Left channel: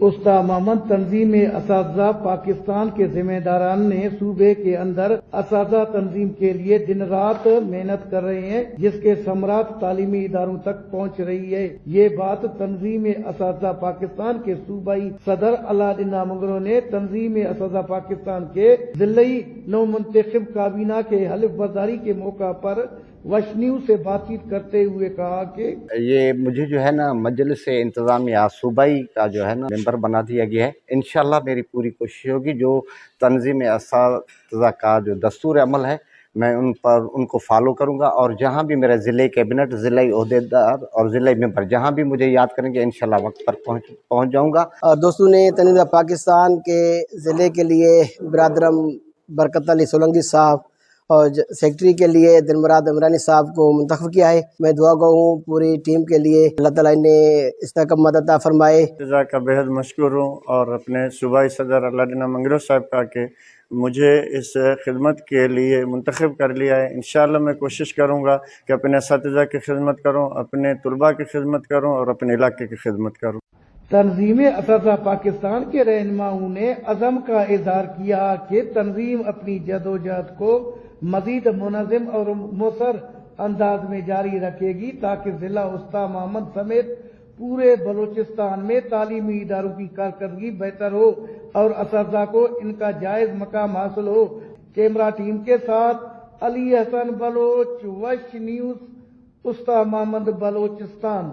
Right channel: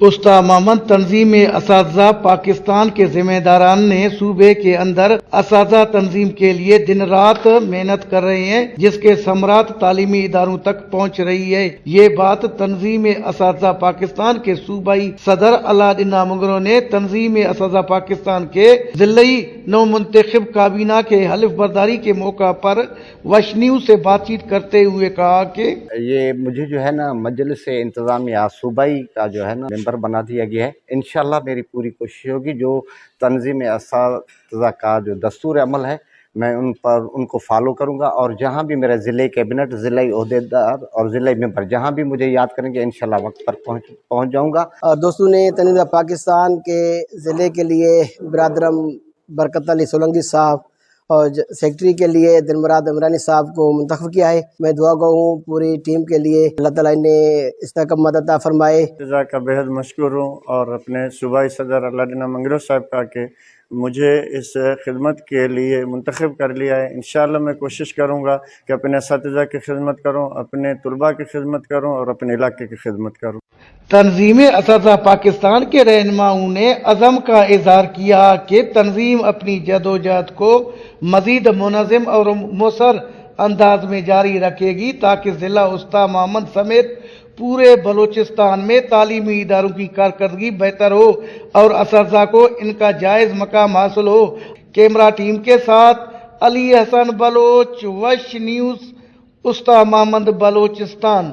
उस्ता मामन तंजीम असातिज़ा पाकिस्तान के जिम्मेदारान ने सूबे के अंदर असातिज़ा तंजीम के लिए दिन रात मेहनत कर रहे हैं, जिसके समरात तालीमी इदारों तक पहुँच रही है। ये बात तंजीम असातिज़ा पाकिस्तान के सूबाई सदर अलाउद्दीन मुगरो ने तंजीम असातिज़ा पाकिस्तान के जिले नौ मुंतखब काबीना के हल्फ बर्दारी के मौका पर वश न्यूज़ से बातचीत करते हुए कहा कि ये मुझे जो है ना मजलिस इंतज़ामिया सूबाई का जो है ना मेंबर बना दिया गया है। इंशाल्लाह मेरी पूरी कोशिश होगी जो तंजीम असातिज़ा का जो दस्तूर अमल है मैं उनको फॉलो करूंगा, और जहां भी मेरा ज़िले कैबिनेट, ज़िले ओहदेदार और ज़िले मेंबर जहां भी मुझे याद करेंगे इंशाल्लाह वक्त पर पहुंच जाऊंगा। और दोस्तों ने तंजीम पाकिस्तान के ज़िले के लिए बिरादरम बरकत अली सोलंकी साहब और सेक्रेटरी के लिए दिलमुराद इमरानी साहब को मुंतखब किया है। मैं दुआ गो हूँ पूरी टीम के लिए, अल्लाह ताला ने इस्तकाम मदद अता फरमाए। का बेहद मशकूर हूँ और अपने सूबाई सदर अलाउद्दीन मुगरो साहब का कि मुझे इस खिदमत के लिए मुंतखब कर लिया है। इंशाअल्लाह मैं कोशिश करूँगा कि अपने असातिज़ा की खिदमत करूँ, अपने तुलबा की खिदमत करूँ और अपने इलाके की खिदमत करूँ। तंजीम असातिज़ा पाकिस्तान के रहनुमाओं ने अज़म का इजहार किया कि तंजीम अपनी जदोजहद को मज़ीद मुनज़्ज़म और मौसर अंदाज में जारी रखेगी ताकि ज़िला उस्ता मामन समेत पूरे बलूचिस्तान में तालीमी इदारों की कारकर्दगी बेहतर हो और असातिज़ा को इनका जायज़ मकाम हासिल हो। कैमरा टीम के साथ अली हसन बलोच, वश न्यूज़, उस्ता मामन, बलूचिस्तान।